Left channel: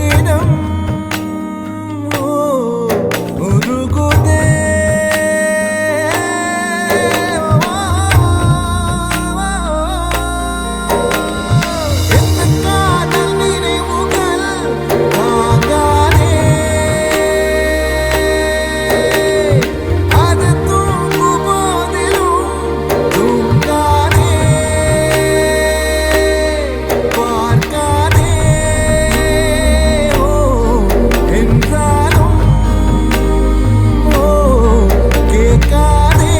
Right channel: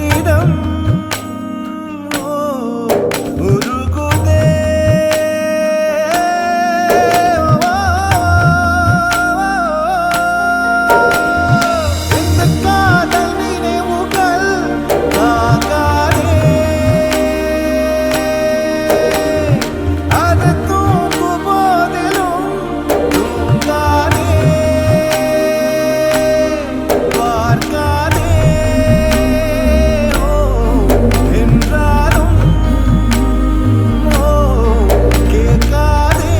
உள்ளிடம் உருகுதே இந்த காதல் நினைவுகள் தாங்காதே அது தூங்கும் போதிலும் தூங்காதே பார்க்காதே என்றாலும் கேட்காதே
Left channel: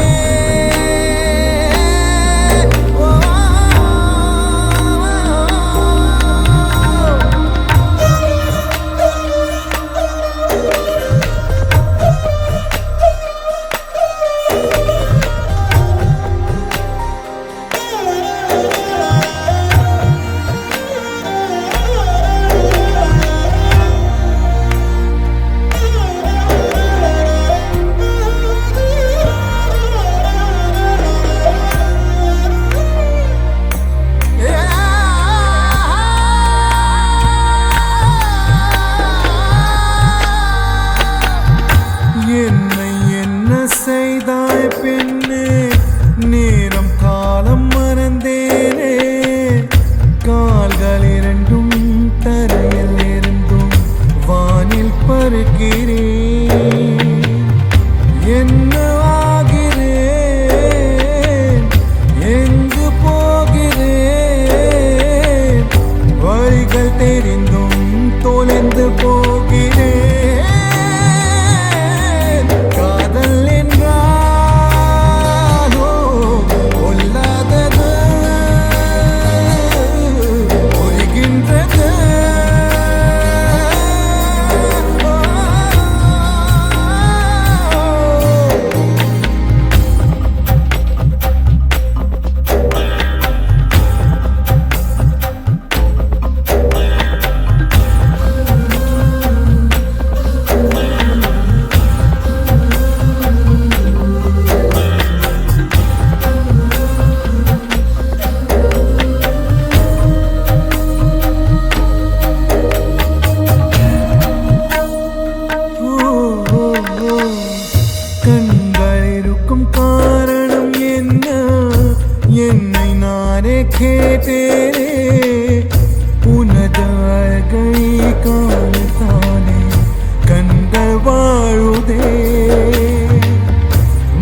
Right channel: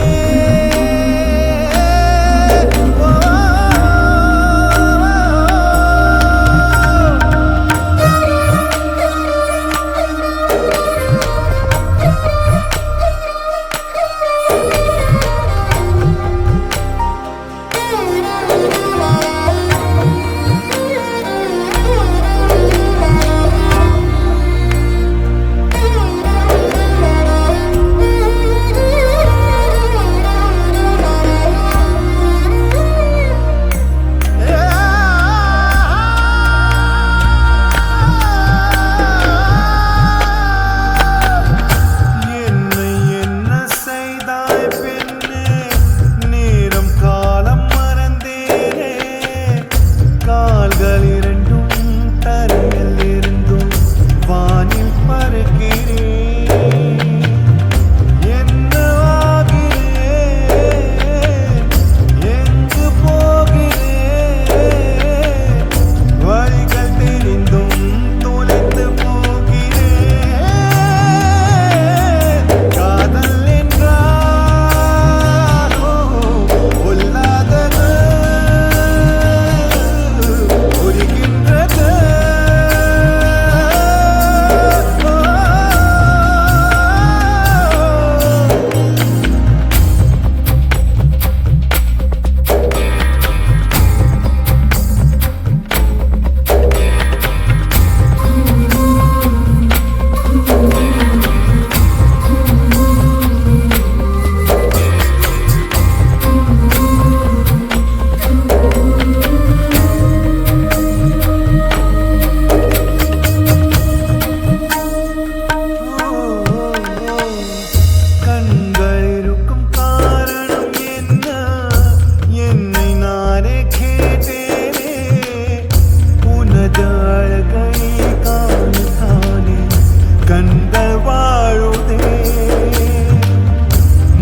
என்னை என்ன செய்தாய் பெண்ணே நேரம் காலம் மறந்தேனே கால்கள் இரண்டும் தரையில் இருந்தும் வானில் பறக்கிறேன் என்ன ஆகிறேன் எங்கு போகிறேன் வழிகள் தெரிந்தும் தொலைந்து போகிறேன் காதல் என்றாலோ கொல்லாதது புரிகின்றது கண்கள் இருக்கும் காரணம் என்ன என்னை நானே கேட்டேனே உனது அழகை காணத்தானே கண்கள் வாழுதே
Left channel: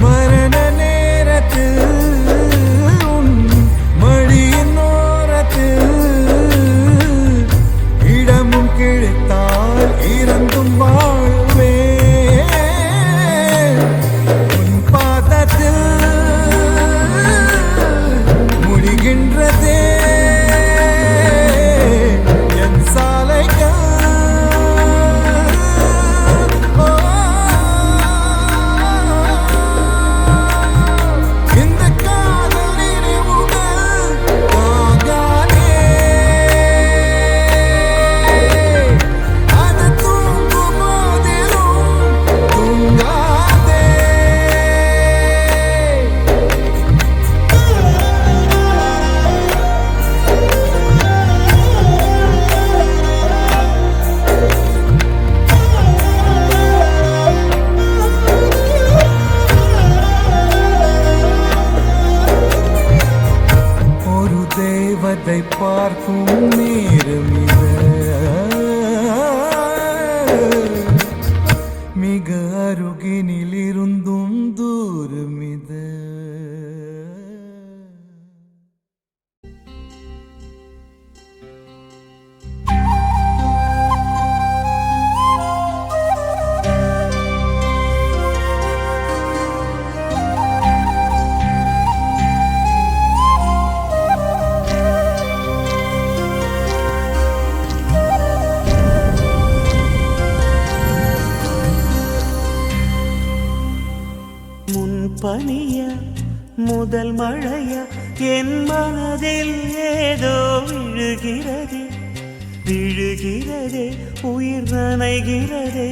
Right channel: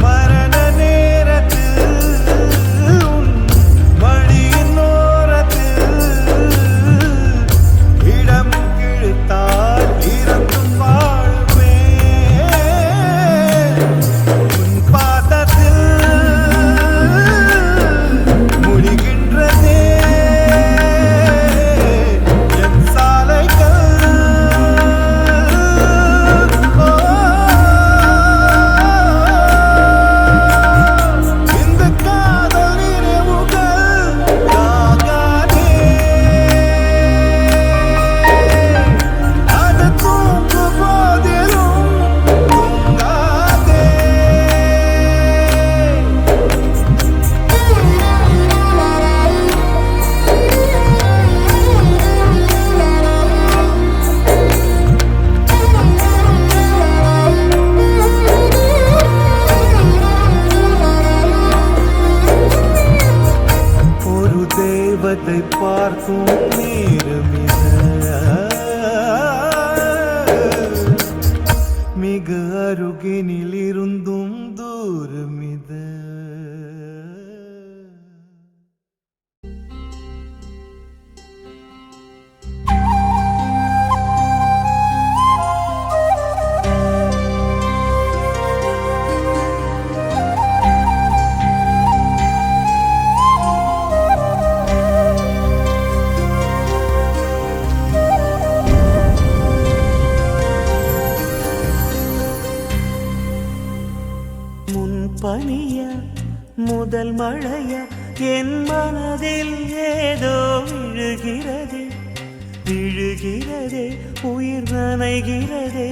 மரண நேரத்தில் உன் மடியின் ஓரத்தில் இடமும் கிழித்தால் இறந்தும் வாழுவேன் உன் பாதத்தில் முடிகின்றதே என் சாலைகள் இந்த காதல் நினைவுகள் தாங்காதே அது தூங்கும் போதிலும் தூங்காதே ஒரு தேவதை பார்க்கும் நேரம் இது மிக அருகினில் இருந்தும் தூரம் இது பனிய முதல் மழைய என் மனதில் ஏதோ விழுகிறதே விழுகிறதே உயிர் நனைகிறதே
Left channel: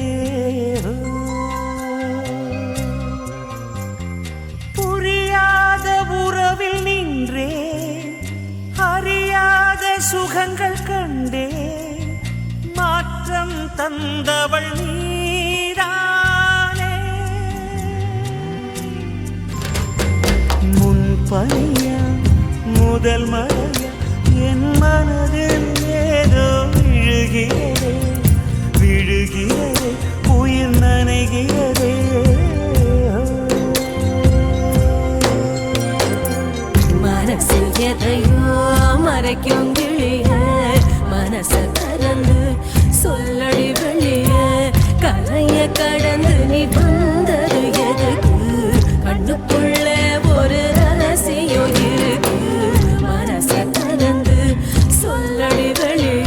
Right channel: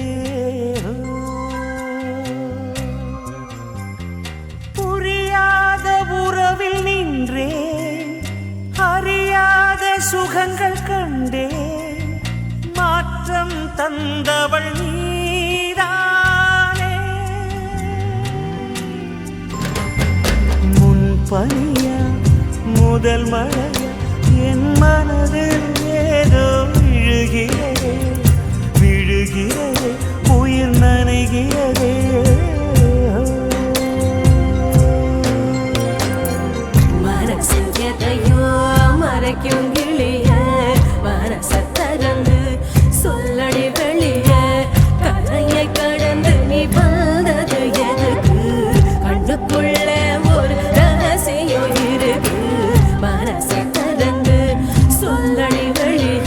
புரியாத உறவில் நின்றேன் அறியாத சுகங்கள் கண்டேன் மாற்ற மாற்றம் தந்தவள் நீதானே. முன்பனியா முதல் மழையா என் மனதில் ஏதோ விழுகிறதே விழுகிறதே உயிர் நனைகிறதே. மனசில் எதையோ மறைக்கும் கிளிய மனச திறந்து சொல்லடி வெளிய கரையை கடந்து நீ வந்தது எதுக்கு கண்ணுக்குள்ள ஒரு ரகசியம் இருக்கு மனச திறந்து சொல்லடி வெளிய.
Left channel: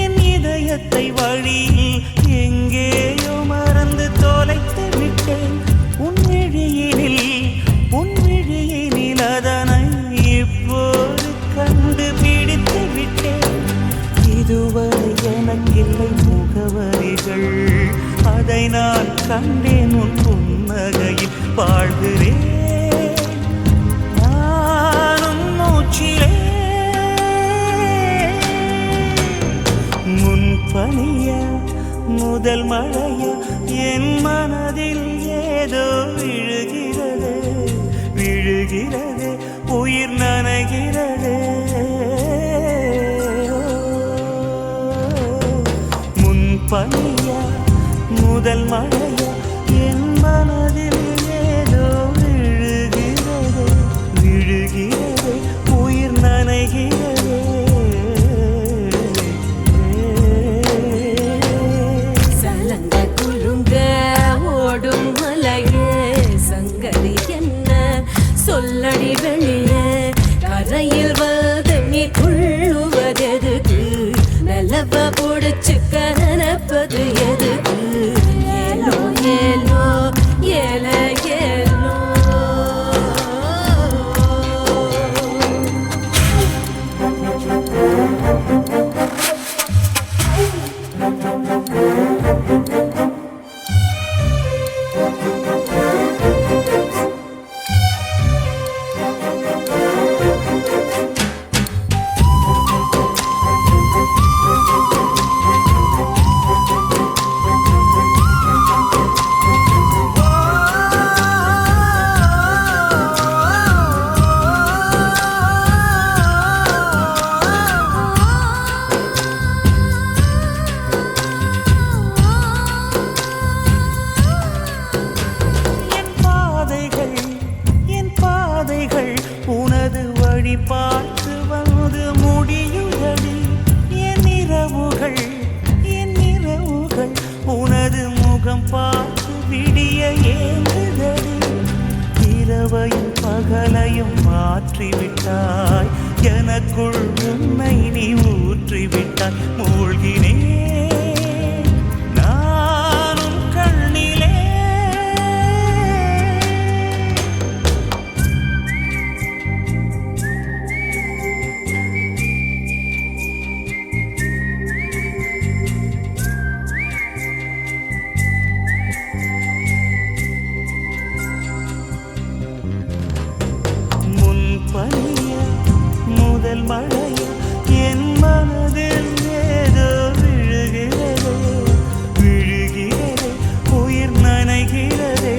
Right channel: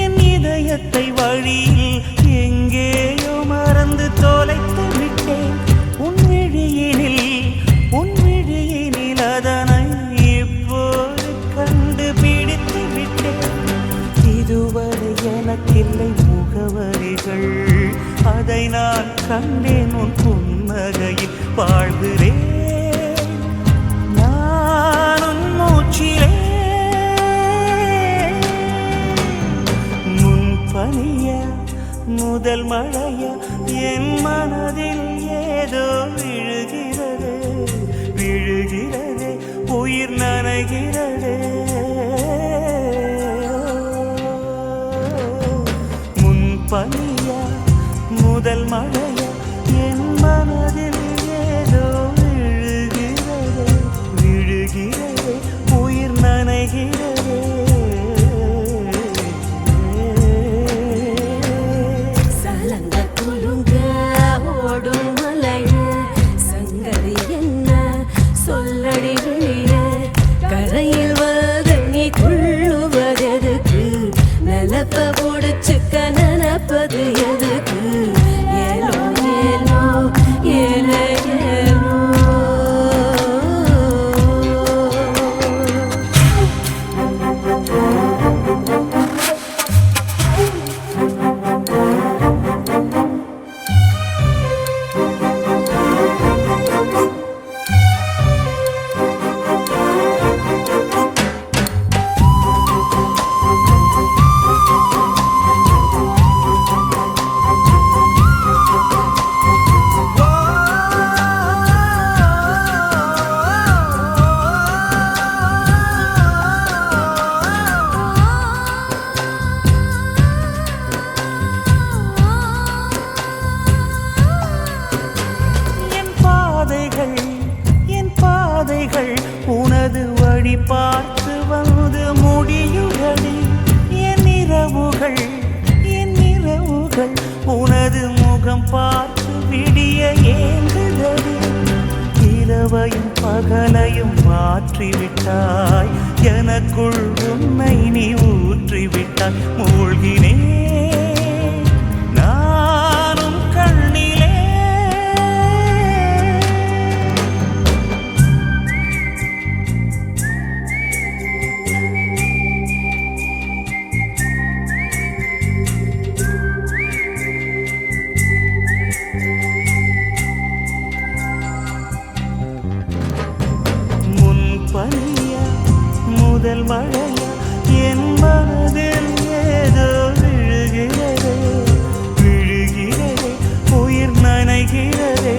என் இதயத்தை வழியில் எங்கேயோ மறந்து தொலைத்து விட்டேன். உன் விழியினில் அதனை இப்போது கண்டுபிடித்து விட்டேன். இதுவரை எனக்கில்லை முகவரிகள், அதை நான் கண்டேன் உன் புன்னகையில் வாழ்கிறேன் நானும் மூச்சிலே. முன்பனியா முதல் மழையா என் மனதில் ஏதோ விழுகிறது விழுகிறது உயிர் நனைகிறது. முன்பனியா முதல் மழையா என் மனதில் ஏதோ விழுகிறது விழுகிறது உயிர் நனைகிறது. சொல்லடி வெளிய கரையில் வந்து நீ துள்ளுவதெதுக்கு நிலப்ப புடிச்சுக்க நினைப்பது எதுக்கு ஏலோ ஏலோ ஏல ஏலோ. என் பாதைகள் உனது வழி பார்த்து வந்து முடியுதடி. என் இரவுகள் உனது முகம் பார்த்து விடிய ஏங்குதடி. இரவையும் பகலையும் மாற்றிவிட்டாய், எனக்குள் உன்னை நீ ஊற்றிவிட்டாய். மூழ்கினேன் நானும் கண்ணிலே. முன்பனியா முதல் மழையா என் மனதில் ஏதோ விழுகிறதே விழுகிறதே உயிர் நனைகிறதே.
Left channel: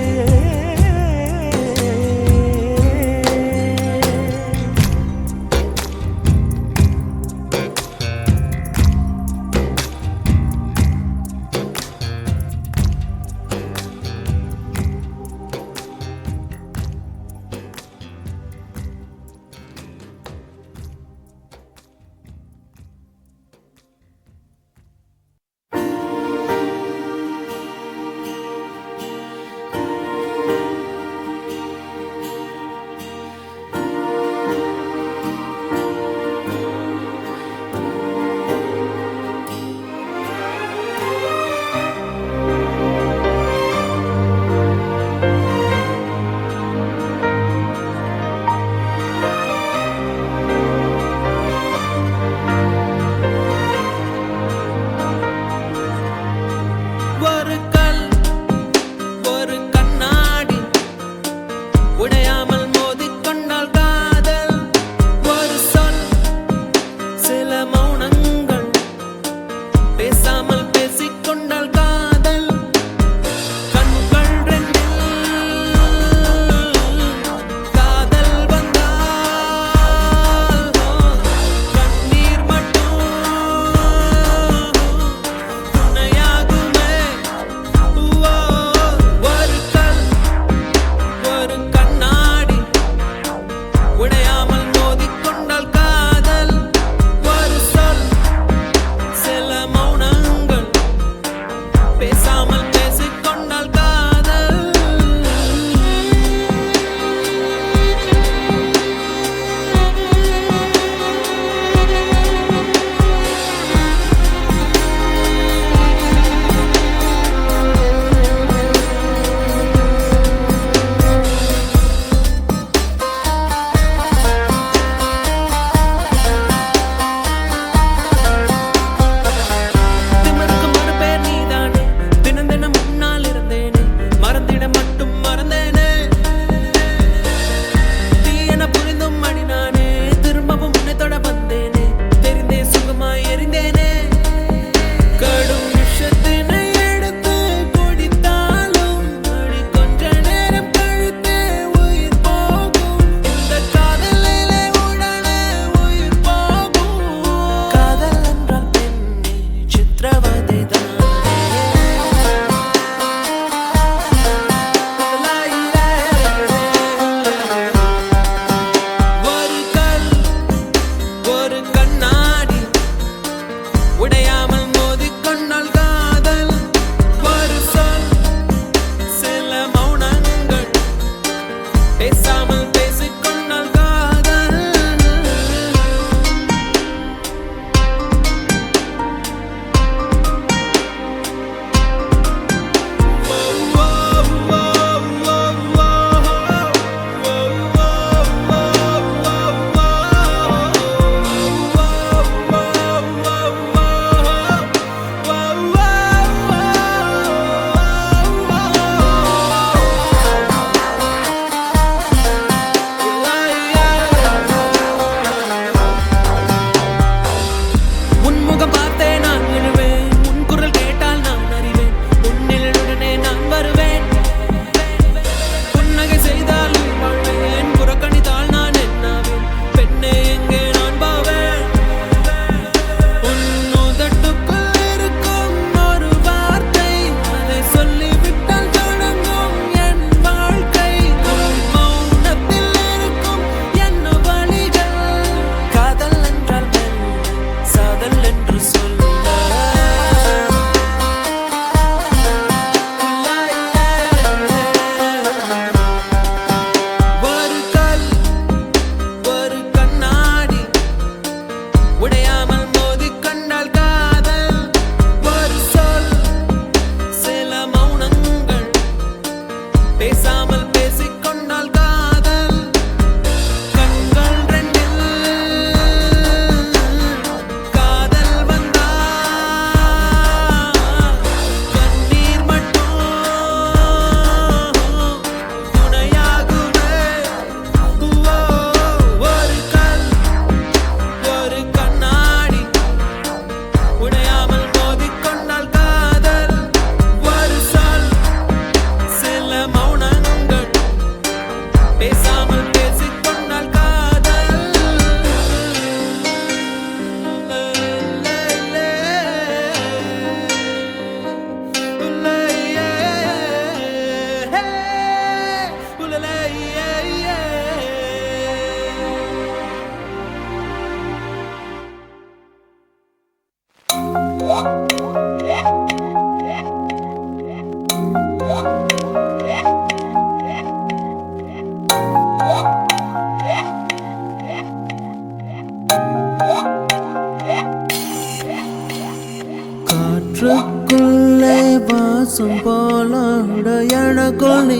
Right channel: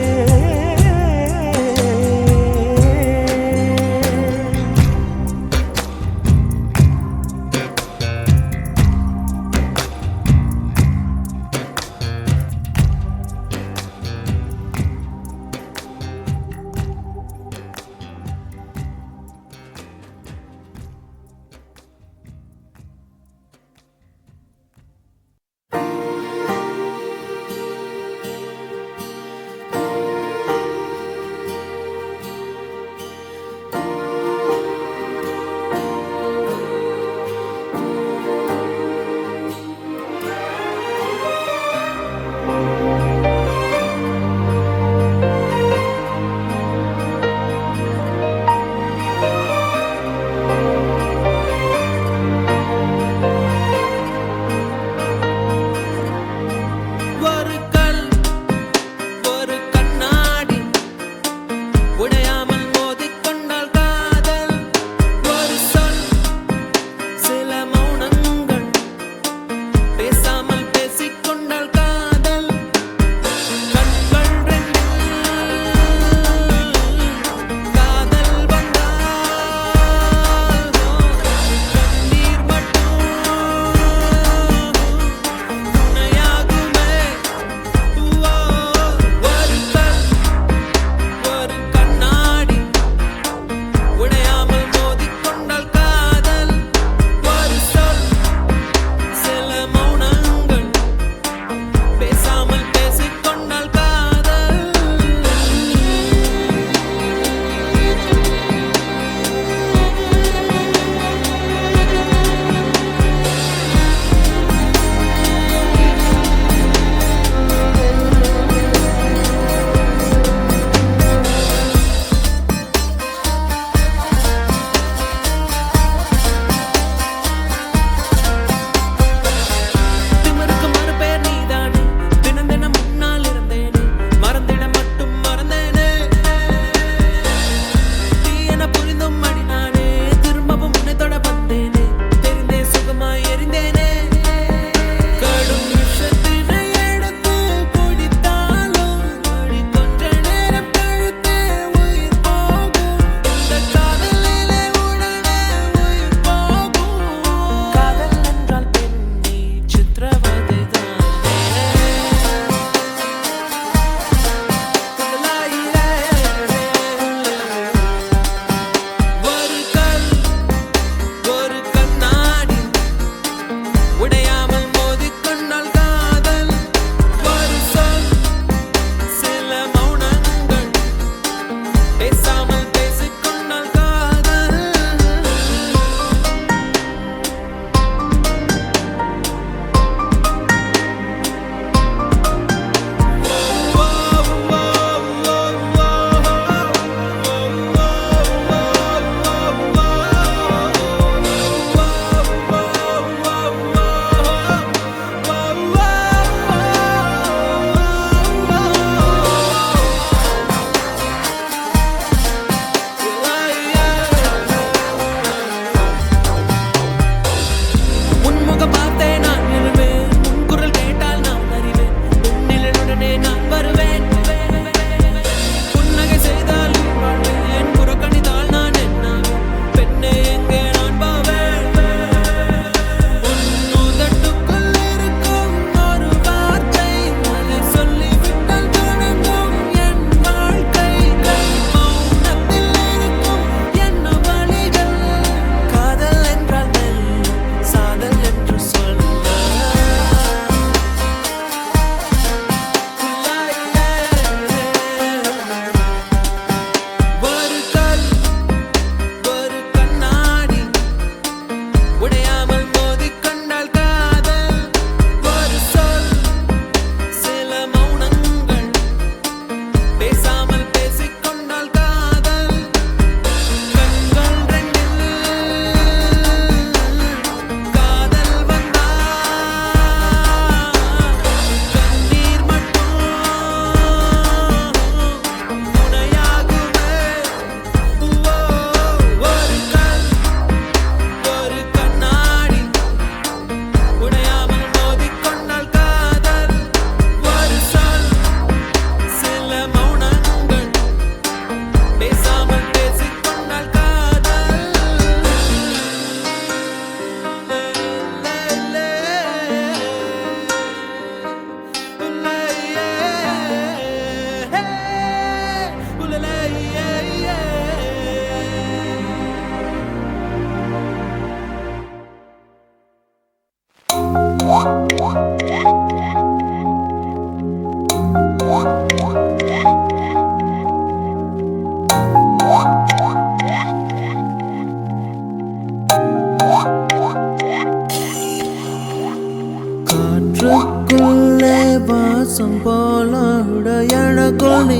வாசம் போலாட எனக்குள் நீ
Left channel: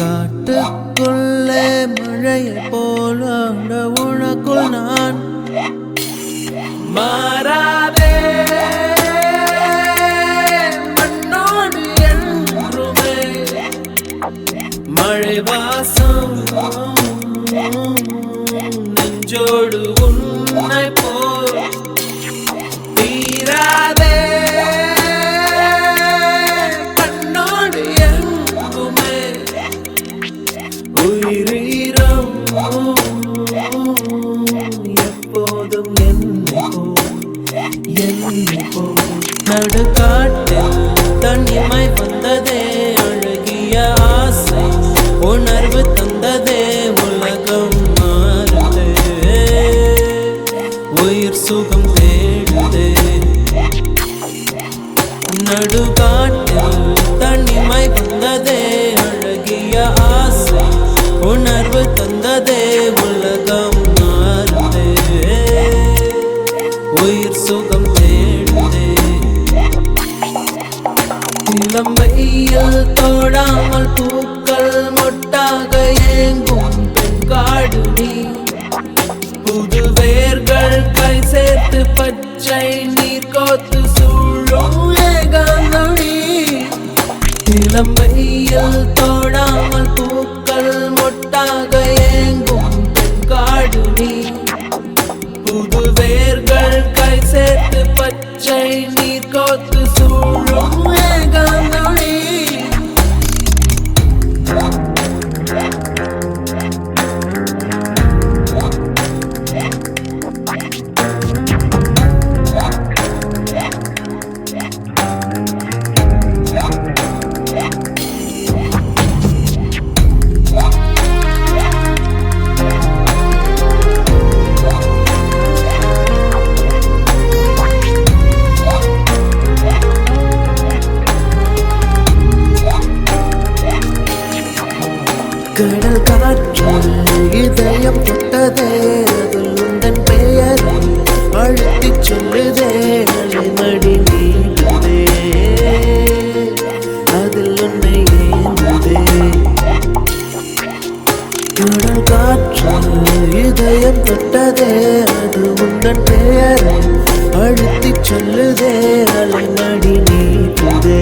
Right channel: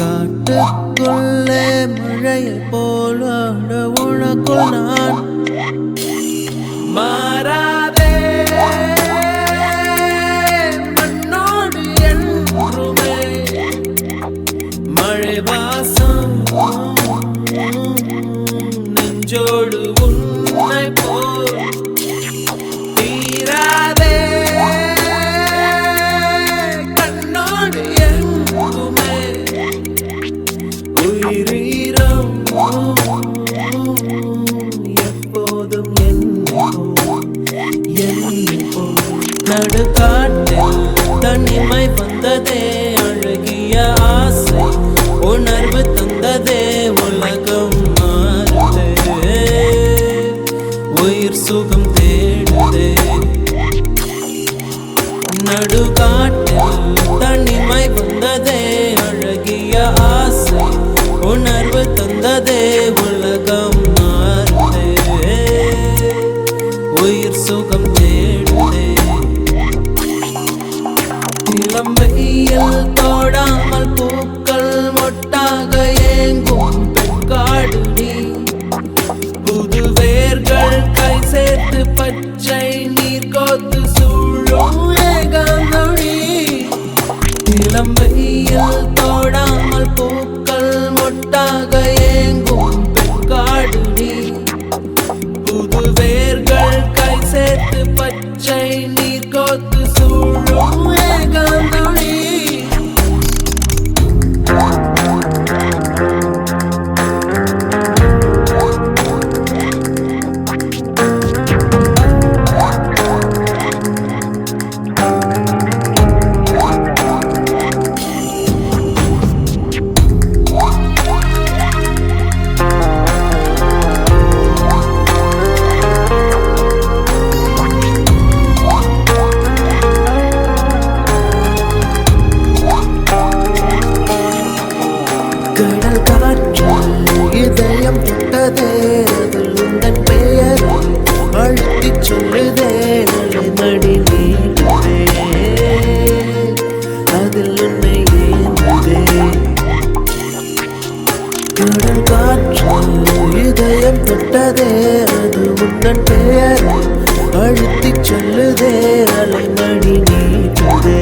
காட்டுக்குள்ளே மழையை போலாட உனக்குள் நான் மாறாதே மண்ணோடு என்றுமே மழை வாசம் நெஞ்சோடு உன்னை போல் தீராதே கண்ணோடு எங்குமே உயிரீரம் எப்போதும் என்னை போல் நடுக்காட்டில் தனிமை வந்ததே அழகிய ஆசை உணர்வு தந்ததே உலகம் மாறுதே உயிர் சுகம் தேடுதே நடுக்காட்டில் தனிமை வந்ததே அழகிய ஆசை உணர்வு தந்ததே உலகம் மாறுதே உயிர் சுகம் தேடுதே இளம் வெயில் தோடாமல் பூக்கள் மொட்டாக ஏங்கும் பெண்காடு நீ புது வேர்கள் கை சேர்த்து பச்சை நீர் கோத்து சூழும் ஏகாந்தொடி இளம் வெயில் தோடாமல் பூக்கள் மொட்டாக ஏங்கும் பெண்காடு நீ புது வேர்கள் கை சேர்த்து பச்சை நீர் கோத்து சூழும் ஏகாந்தொடி கடல் காற்று இதயம் தொட்டதே அதில் உந்தன் பெயரை அழுத்திச் சொல்லுதே அலைமடி நீடுதே அதில் உன்னை ஏந்துதே கடல் காற்று இதயம் தொட்டதே அது உந்தன் பெயரை அழுத்திச் சொல்லுதே அலைமடி நீடுதே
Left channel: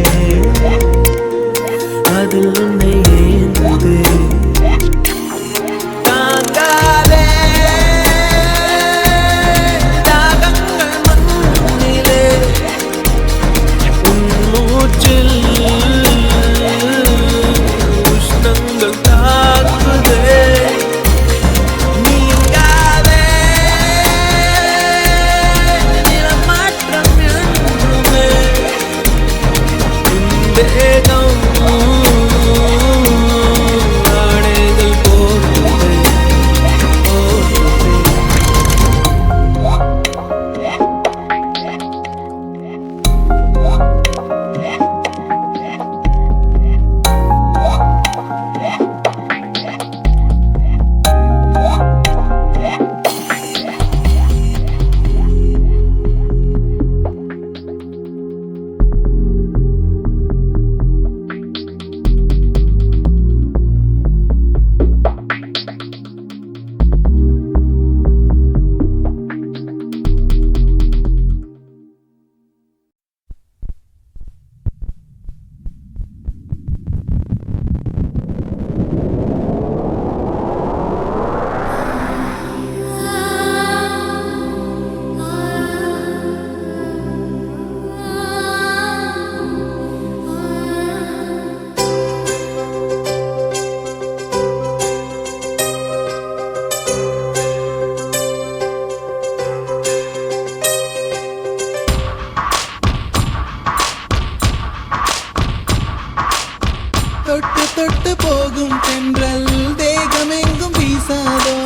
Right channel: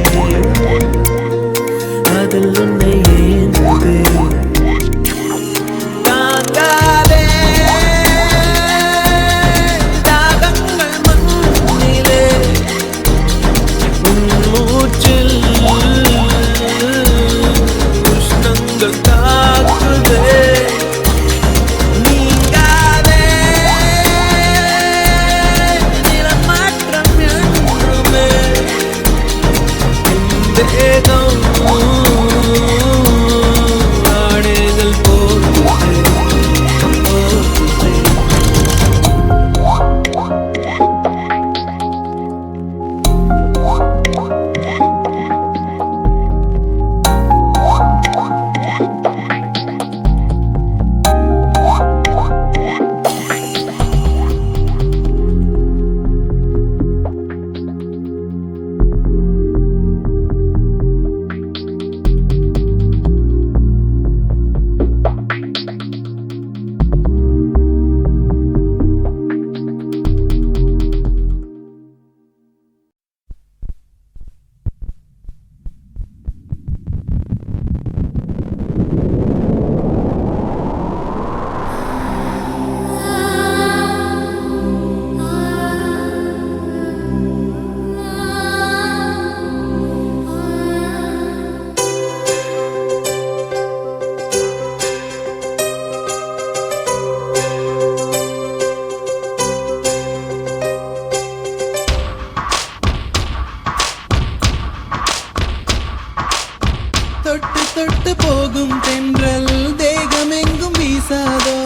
அதில் உன்னை ஏந்துதே தாங்காதே தாகங்கள் மண்ணிலே உன் மூச்சில் உஷ்ணங்கள் தாக்குதே நீங்காதே நிலமாற்றம் என்றுமே தேகம் ஆடைகள் போட்டுதே போட்டுதே தொட்டு போகும் தென்றல் தேகமெங்கும் வீசாதோ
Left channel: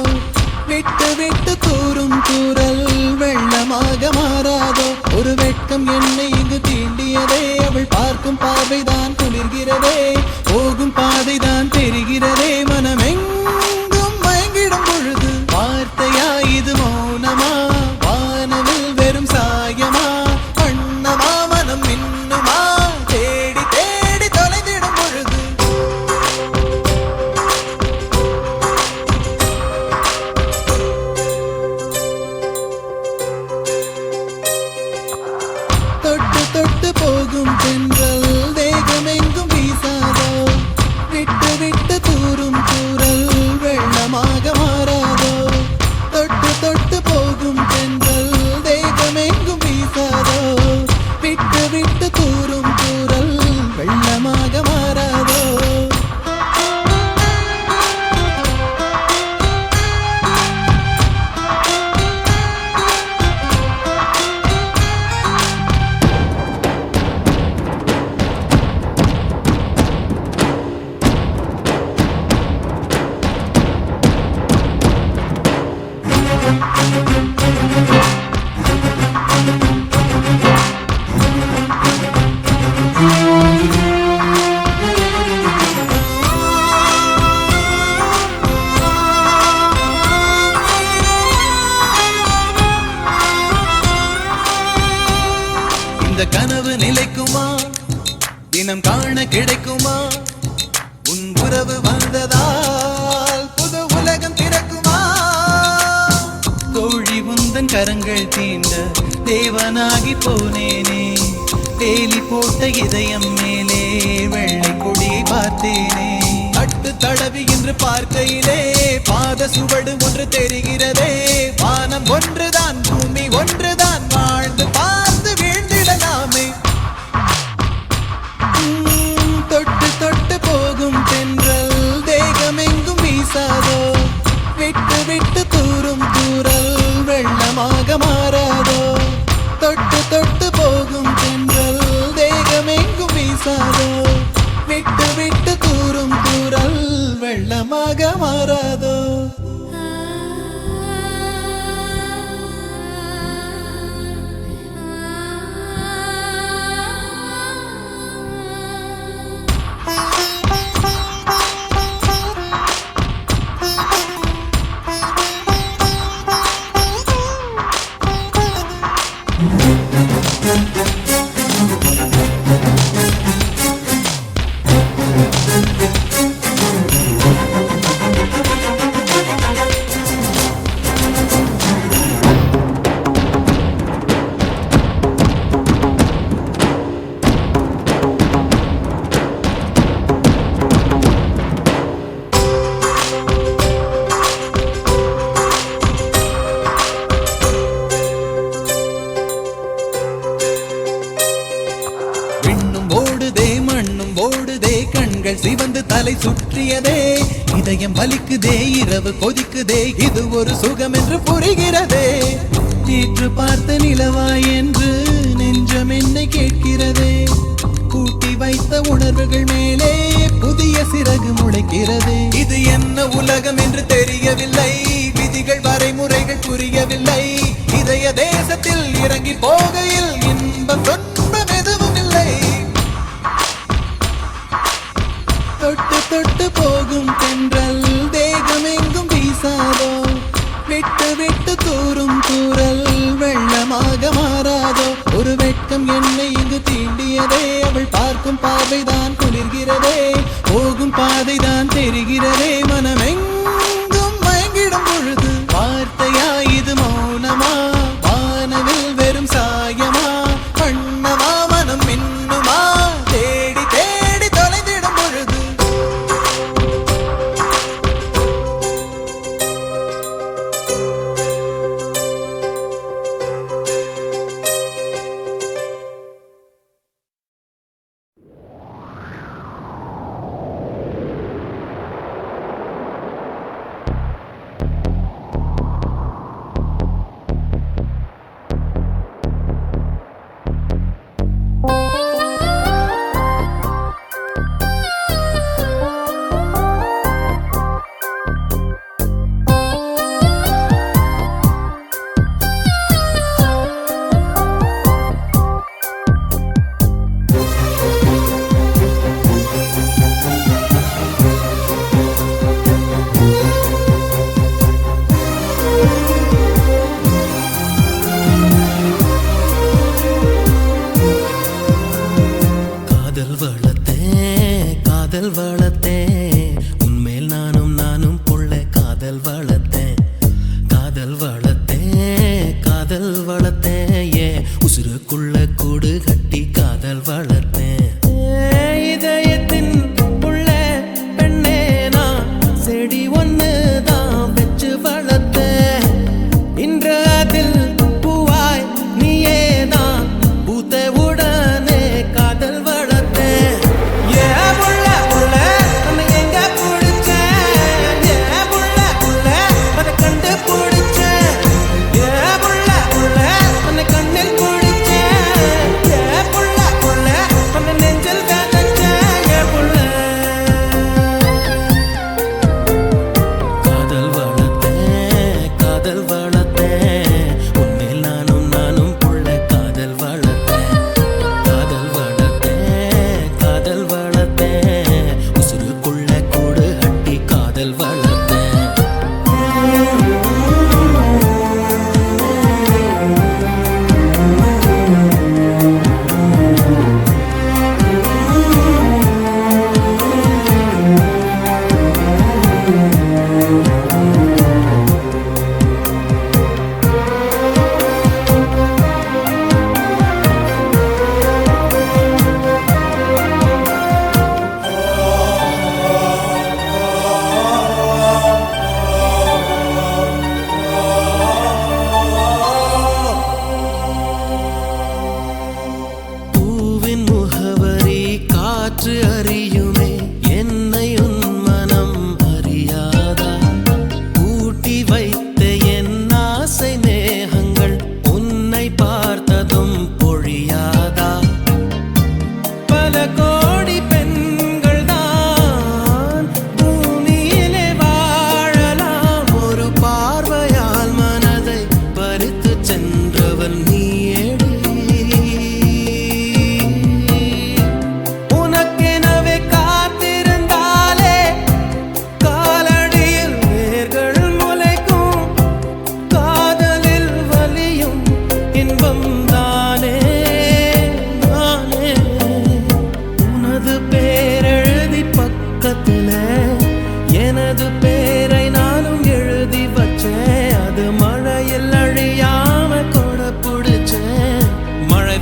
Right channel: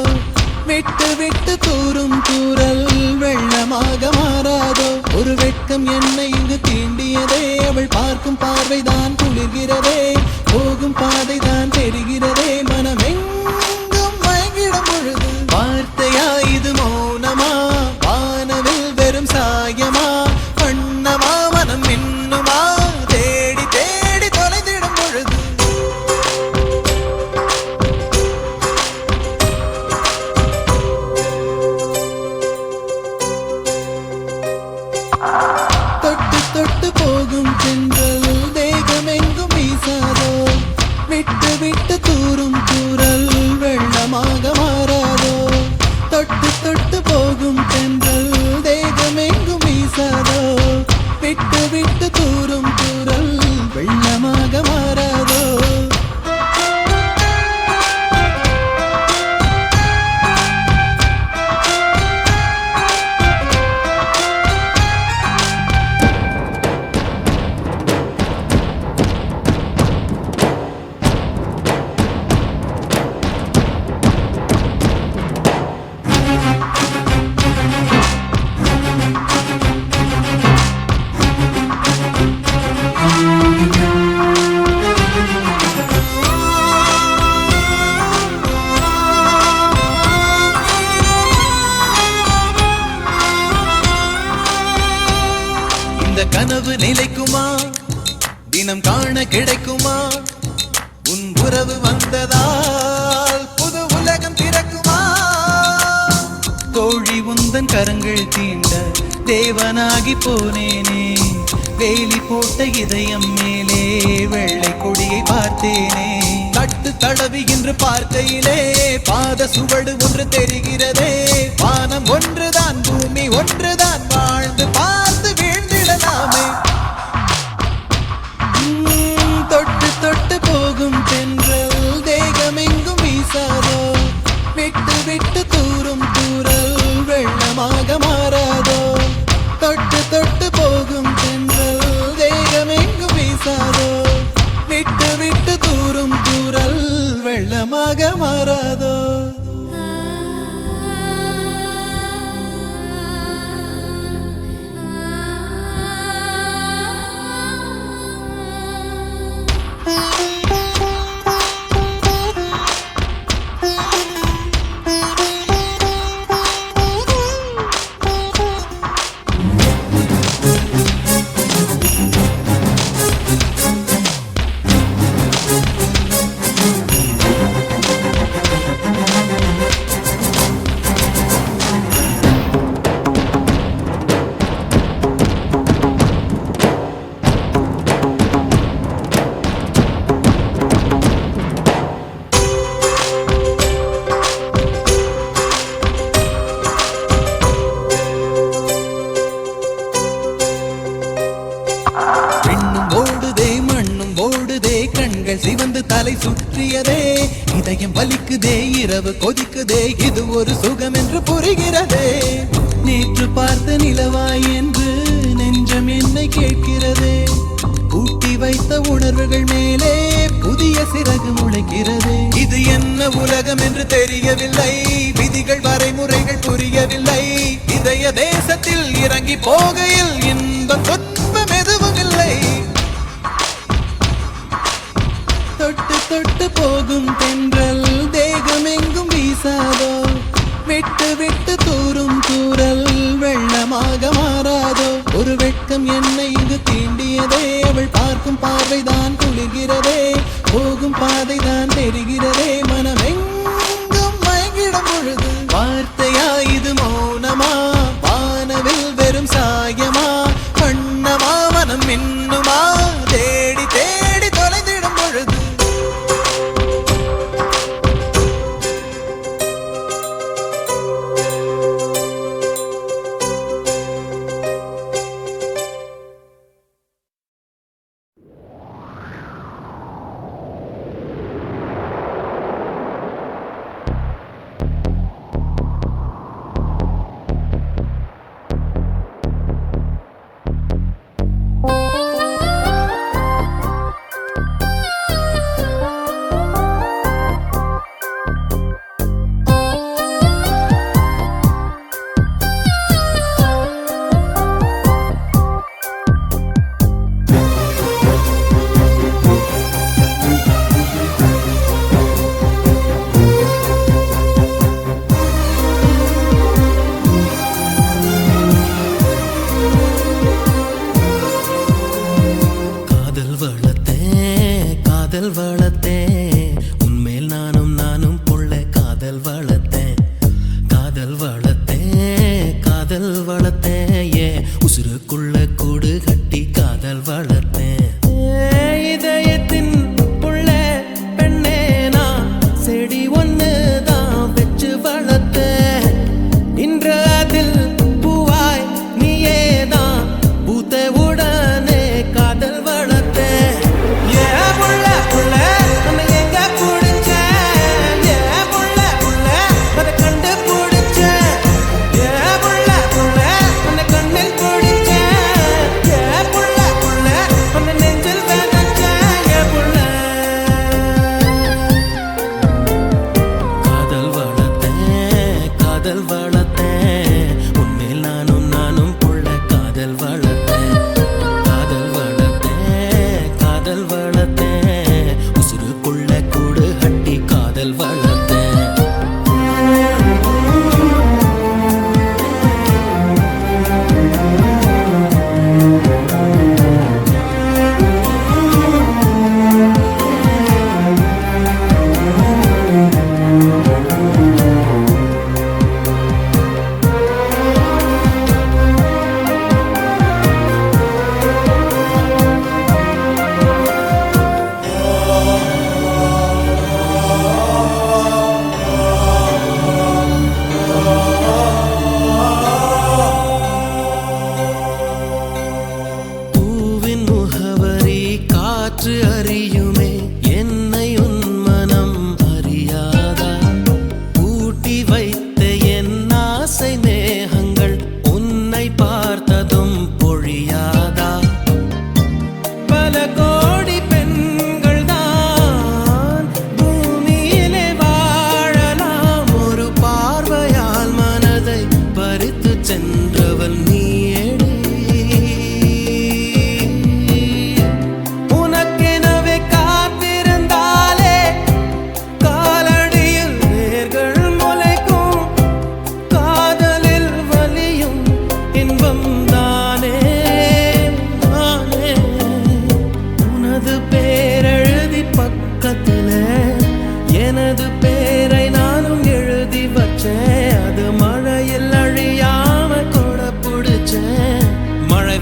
விட்டு விட்டு கூறும் கூறல் வெள்ளமாக மாறாதோ ஒரு வெட்கம் என்னை இங்கு தீண்டியதே அவள் பார்க்கும் பார்வைதான் குளிர்கிறதே போகும் பாதைதான் தெரிகிறதே மனமெங்கும் மயங்கிடும் பொழுது வார்த்தையா இது மௌனமா வானவில் வெறும் சாயமா வண்ணமா மனம் கிடைக்குமா உன் உறவு வந்ததால் புது உலகம் திறக்குமா கோழி முந்தன் கரங்கள் தீண்ட தேவனாகி போனேனே வேலி போட்ட இதயம் மேலே வெள்ளை கொடியை பார்த்தேனே தட்டு தடவி என்று பார்க்கையிலே பாத சுவடு ஒன்று தெரிகிறதே வானம் ஒன்றுதான் பூமி ஒன்றுதான் வாழ்ந்து பார்த்து வீழ்ந்திடலாமே தொட்டு தொட்டு போகும் தென்றல் தேகமெங்கும் வீசாதோ விட்டு விட்டு தூரும் தூரல் வெள்ளமாக மாறாதோ தொட்டு தொட்டு போகும் தென்றல் தேகமெங்கும் வீசாதோ விட்டு விட்டு தூரும் தூரல் வெள்ளமாக மாறாதோ கண்கள் சிவந்து தலை சுற்றியதே இதயம் வலிக்குதே இரவு கொதிக்குதே இது ஒரு சுகம் என்று புரிகிறதே நேற்று பார்த்த நிலவாய் என்று நெஞ்சம் என்னை கேட்கிறதே கூட்டி வைத்த உணர்வுகள் மேலே புதிய சிறகு முளைக்கிறதே இது என்ன உலகம் என்று தெரியவில்லை விதிகள் வரைமுறைகள் புரியவில்லை இதய தேசத்தில் இறங்கி போகையில் இன்பம் துன்பம் எதுவும் இல்லை தொட்டு தொட்டு போகும் தென்றல் தேகமெங்கும் வீசாதோ விட்டு விட்டு தூரும் தூரல் வெள்ளமாக மாறாதோ ஒரு வெட்கம் என்னை இது தீண்டியதே அவள் பார்க்கும் பார்வைதான் குளிர்கிறதே போகும் பாதைதான் தெரிகிறதே மனமெங்கும் மயங்கிடும் பொழுது வார்த்தையா இது மௌனமா வானவில் வெறும் சாயமா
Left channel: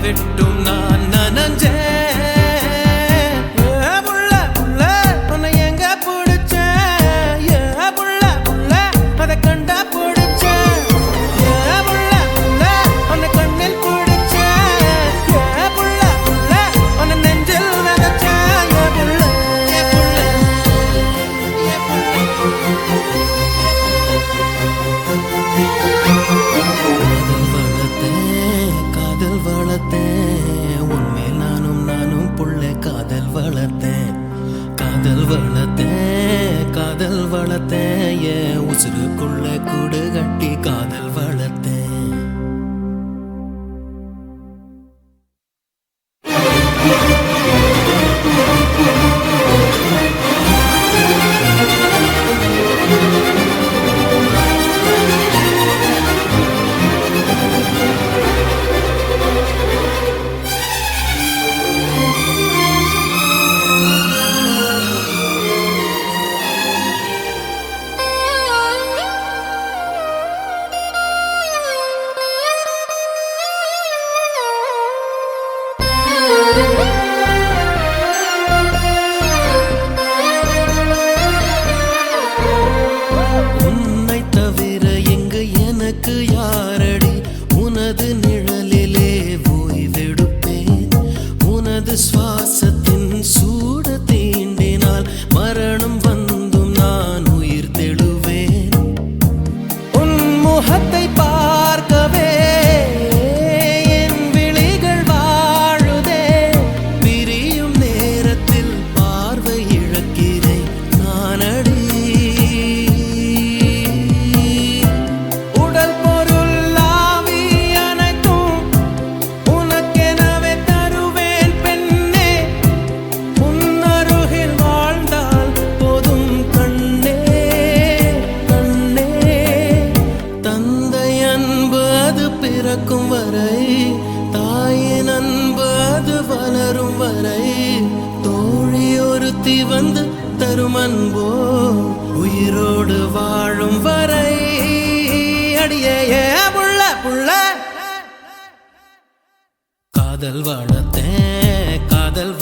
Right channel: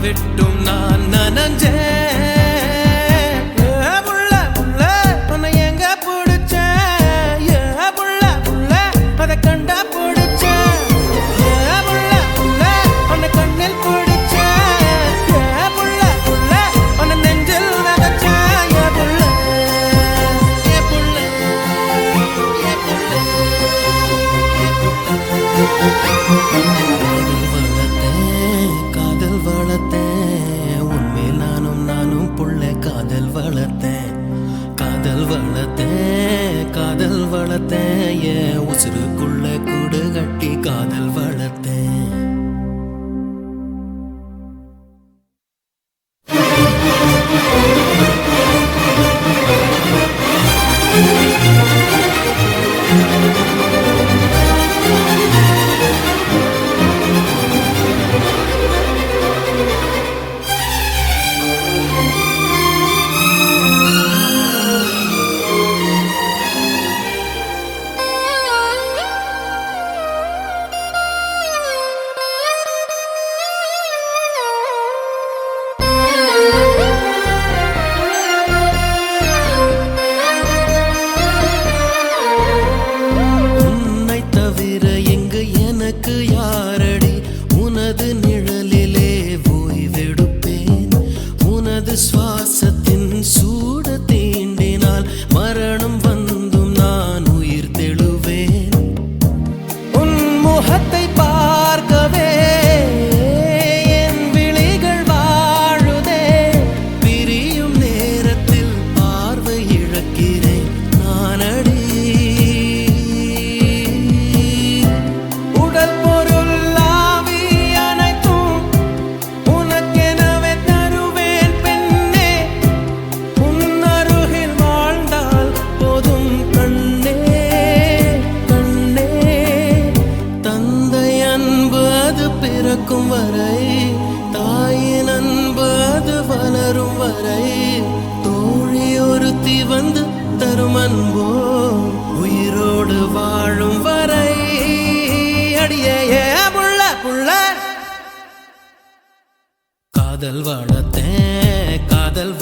விட்டும் நான் நனஞ்சேன். புள்ள புள்ள உன்னை எங்க பிடிச்சேன், புள்ள புள்ள அதை கண்டா பிடிச்சேன், புள்ள புள்ள உன்னை கண்ணில் பிடிச்சேன், புள்ள புள்ள உன்னை நெஞ்சில் நகைச்சேன், புள்ள. காதல் வளர்த்தேன் உன்மேல் நானும் புள்ள காதல் வளர்த்தேன். காதல் வளர்த்தேன் என் உசுருக்குள்ள கூடு கட்டி காதல் வளர்த்தேன். யாரடி உனது நிழலிலே ஓய்வெடுப்பேன். உனது சுவாசத்தின் சூட தீண்டினால் மரணம் வந்தும் நான் உயிர் தெழுவேன். உன் முகத்தை பார்க்கவே என் விழிகள் வாழுதே. பிரியும் நேரத்தில் பார்வை இழக்கிறேன் நானடி. பிறக்கும் வரை தாயின் அன்பு அது வளரும் வரை தோழி ஒருத்தி வந்து தரும் அன்போ உயிரோடு வாழும் வரை. அடியே புள்ள புள்ள காதல்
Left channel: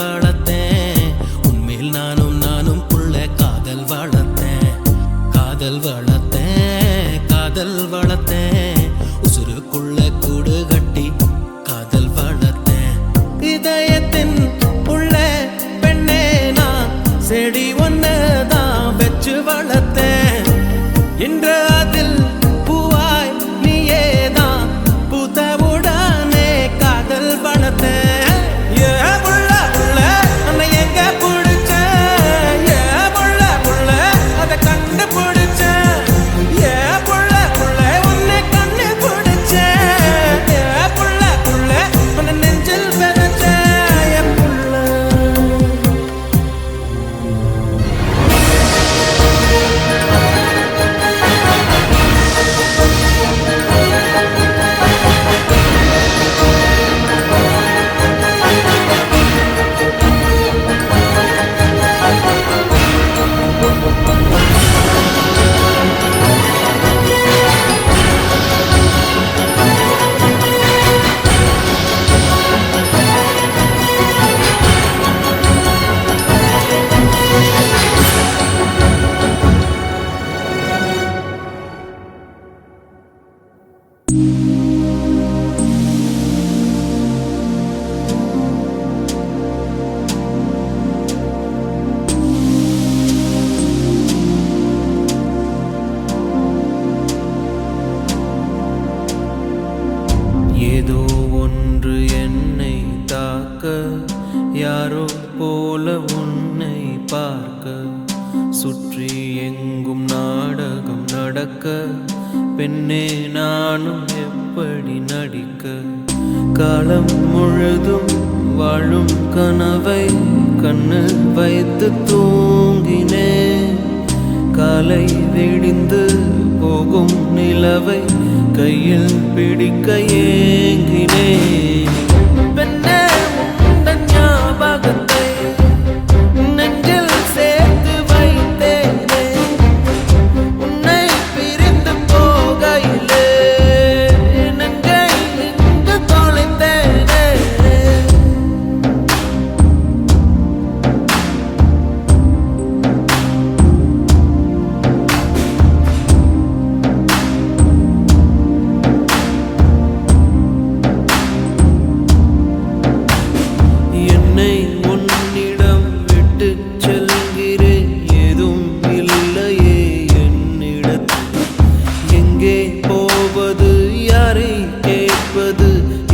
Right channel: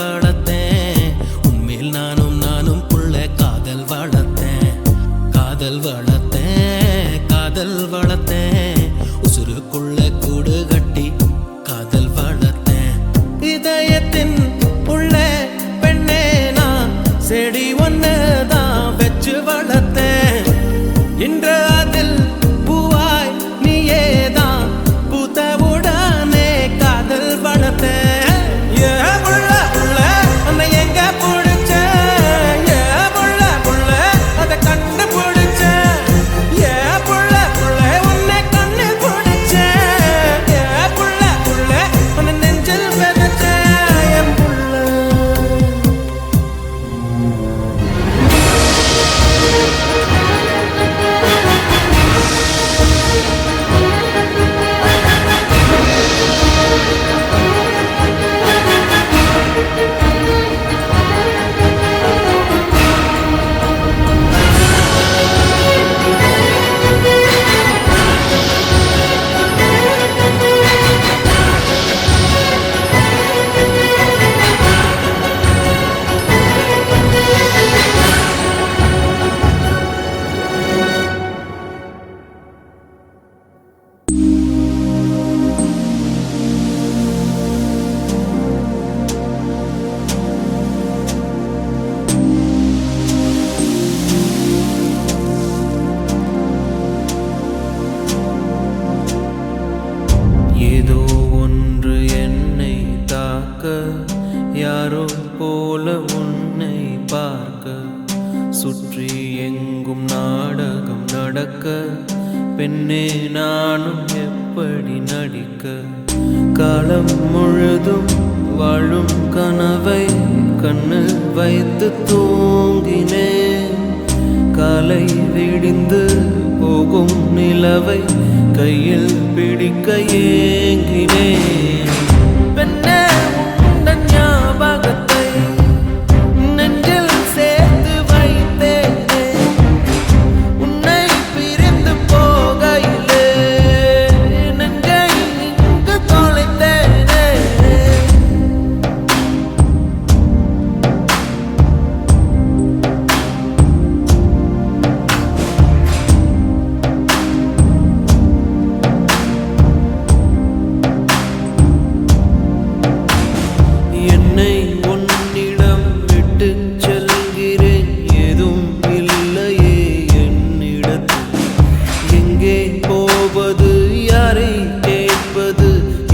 வளர்த்தேன் உன்மேல் நானும் புள்ள காதல் வளர்த்தேன் உசுருக்குள்ள கூடு கட்டி காதல் வளர்த்தேன். இதயத்தின் உள்ள பெண்ணே நான் செடி ஒன்னதான் வச்சு வளர்த்தேன். இன்று அதில் பூவாய் நீயேதான் பூத்தவுடனே காதல் வளர்த்தேன். புள்ள புள்ள உன்னை எங்க பிடிச்சேன், புள்ள புள்ள அதை கண்டு பிடிச்சேன், புள்ள புள்ள உன்னை கண்ணு பிடிச்சேன், புள்ள புள்ள உன்னை நெஞ்சில் விதைச்சேன் புள்ள. ஏதோ ஒன்று என்னை தாக்க யாரோ போல உன்னை பார்க்க சுற்றி எங்கும் நாடகம் நடக்க பெண்ணே நானும் எப்படி நடிக்க. காலம் முழுதும் வாழும் கனவை கண்ணு வைத்து தூங்கினேன். காலை விடிந்து போகும் நிலவை கையில் பிடிக்க ஏங்கினேன். பெண்ணே உந்தன் ஞாபகத்தை நெஞ்சில் சேர்த்து வைத்தேனே. உன்னை பிரிந்து போகையிலே நெஞ்சை இங்கு தொலைத்தேனே. எங்கே போவது யாரை கேட்பது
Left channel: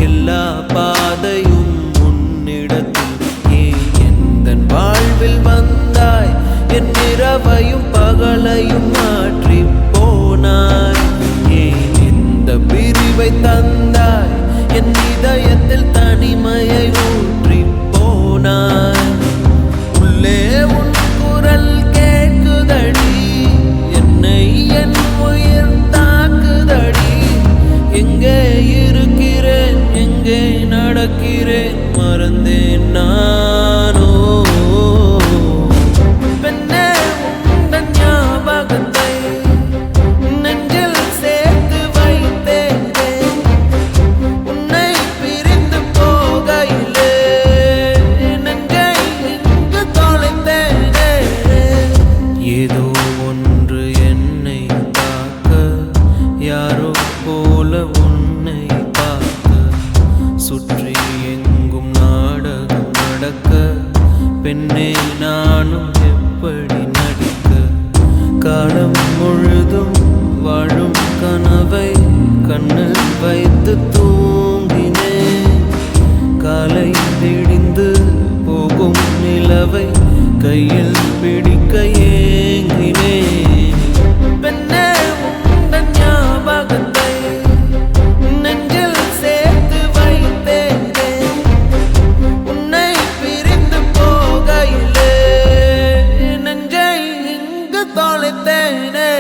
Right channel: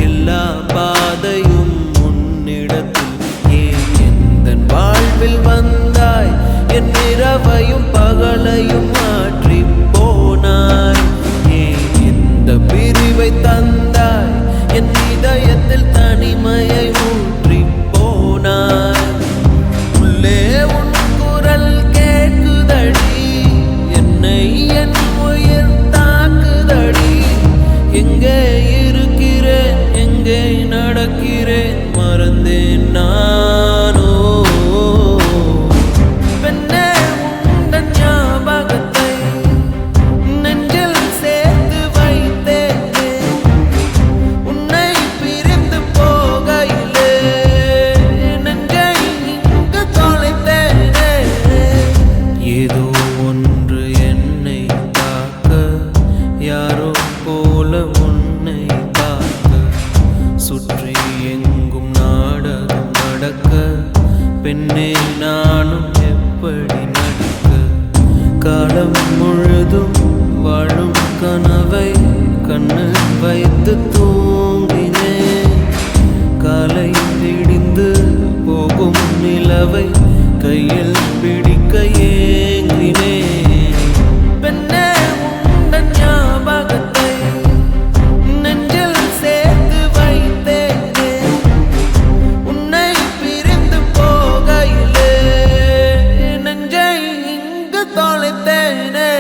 எல்லா பாதையும் உன்னிடத்தில் ஏன் எந்தன் வாழ்வில் வந்தாய் என் இரவையும் பகலையும் மாற்றி போனாய் ஏன் இந்த பிரிவை தந்தாய் என் இதயத்தில் தனிமையை ஊற்றி போனாய் உள்ளே உன் குரல் கேட்குதடி என்னை என் உயிர் தாக்குதடி எங்கே இருக்கிறேன் எங்கே நடக்கிறேன் மறந்தேன் நானோ பெண்ணே உந்தன் ஞாபகத்தை நெஞ்சில் சேர்த்து வைத்தேனே உன்னை பிரிந்து போகையிலே நெஞ்சை இங்கு தொலைத்தேனே ஏதோ ஒன்று என்னை தாக்க யாரோ போல உன்னை பார்க்க சுற்றி எங்கும் நாடகம் நடக்க பெண்ணே நானும் எப்படி நடிக்க காலம் முழுதும் வாழும் கனவை கண்ணு வைத்து தூங்கினேன் காலை விடிந்து போகும் நிலவை கையில் பிடிக்க ஏங்கினேன் பெண்ணே உந்தன் ஞாபகத்தை நெஞ்சில் சேர்த்து வைத்தேனே உன்னை பிரிந்து போகையிலே நெஞ்சை இங்கு தொலைத்தேனே